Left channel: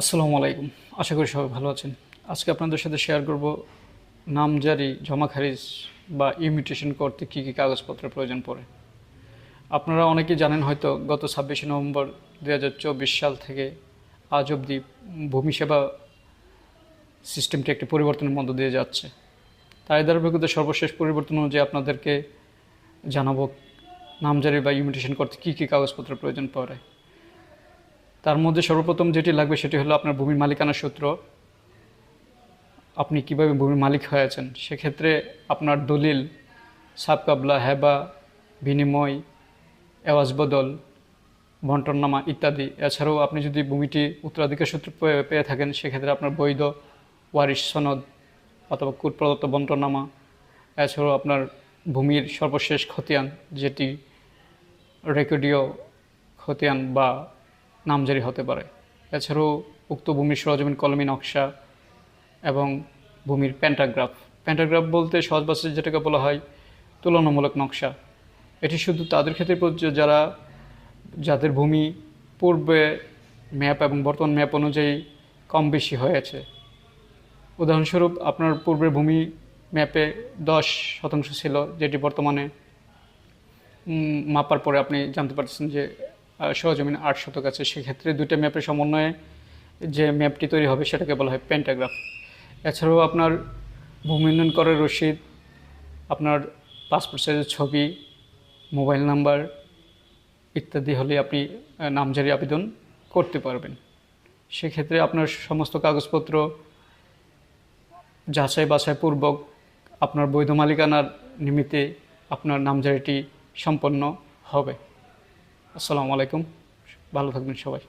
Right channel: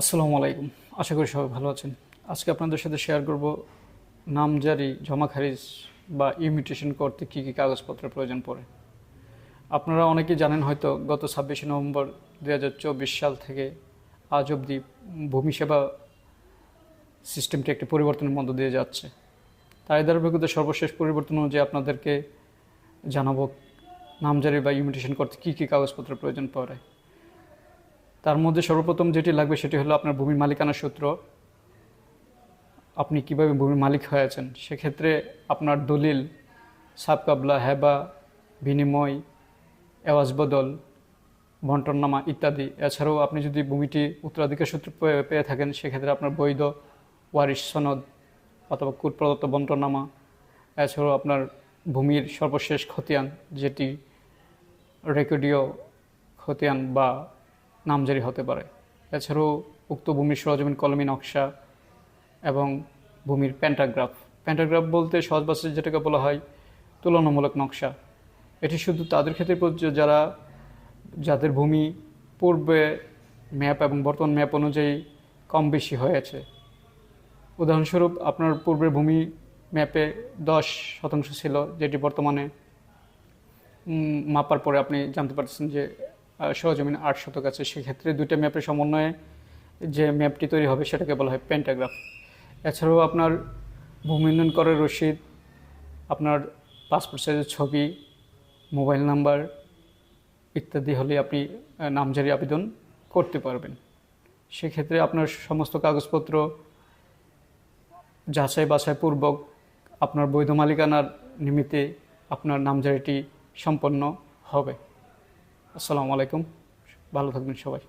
আসসালামু আলাইকুম। আশা করি সবাই ভালো আছেন। আজকে আপনাদের সাথে শেয়ার করব নামজারি, জমা খারিজ বা ইমিটেশন করতে কী কী কাগজপত্রের প্রয়োজন পড়ে। আপনারা অনেকেই জানেন হয়তো গত 26শে নভেম্বর 2024 সাল থেকে আজ অবধি ভূমি সেবা সিস্টেমটি একটি পরিবর্তনের মধ্য দিয়ে যাচ্ছে। তাই ধারাবাহিকতায় সর্বশেষ পরিবর্তন অনুযায়ী আপনাদেরকে জানাবো নামজারি বা ইমিটেশন করতে কী কী কাগজপত্রের প্রয়োজন পড়ে। তার মধ্যে সর্বপ্রথম যেটি লাগবে সেটি হলো আপনার ভূমির মালিকানা সূত্র। আপনি কিভাবে ভূমির মালিক হয়েছেন সেক্ষেত্রে আপনার দলিল, সাবকাবলা, হেবা, বিনিময়, এওয়াজ বদল, বন্টননামা ইত্যাদি। এছাড়াও আপনি যদি ভূমিটি উত্তরাধিকার সূত্রে পেয়ে থাকেন সেক্ষেত্রে আপনার বৈধ ওয়ারিশ সনদ অথবা কোর্ট প্রদত্ত বন্টননামা। এছাড়াও আপনার ভূমির সর্বশেষ খতিয়ান, যেটি রেকর্ডীয় খতিয়ান বা নামজারি হতে পারে। এছাড়াও উক্ত ভূমির সরজমিন কলমি নকশা এবং ভূমির প্যান্টাগ্রাফ। প্যান্টাগ্রাফ বলতে সহজ ভাষায় যেটাকে বলা হয় তুলনামূলক নকশা। এটি শুধু তাদের ক্ষেত্রে প্রযোজ্য যাদের ভূমি পূর্বে ম্যাপ এবং বর্তমান ম্যাপ অনুযায়ী কম বেশি হয়েছে। উদাহরণস্বরূপ আপনার পূর্বের ভূমি ম্যাপে 10% ছিল, যেটি বর্তমানে মাপার পরে আপনি জানতে পারছেন যে সরজমিন 8 শতক আছে। সেক্ষেত্রে দুইটা ম্যাপের সমন্বয়ে যে ম্যাপটি তৈরি হবে সেটাকে বলা হয় প্যান্টাগ্রাফ। এছাড়াও আপনার ভূমি উন্নয়ন করের রসিদ, আপনার পাসপোর্ট সাইজের ছবি, মোবাইল নাম্বার ইত্যাদি হলে আপনি নামজারি আবেদন করতে পারবেন। সেক্ষেত্রে আপনার সমস্ত কাগজপত্র যাচাই বাছাই পূর্বক আপনার বৈধ মালিকানার নিমিত্তে আপনার নামজারিটি সম্পন্ন হবে। আসসালামু আলাইকুম, ভালো থাকবেন সবাই।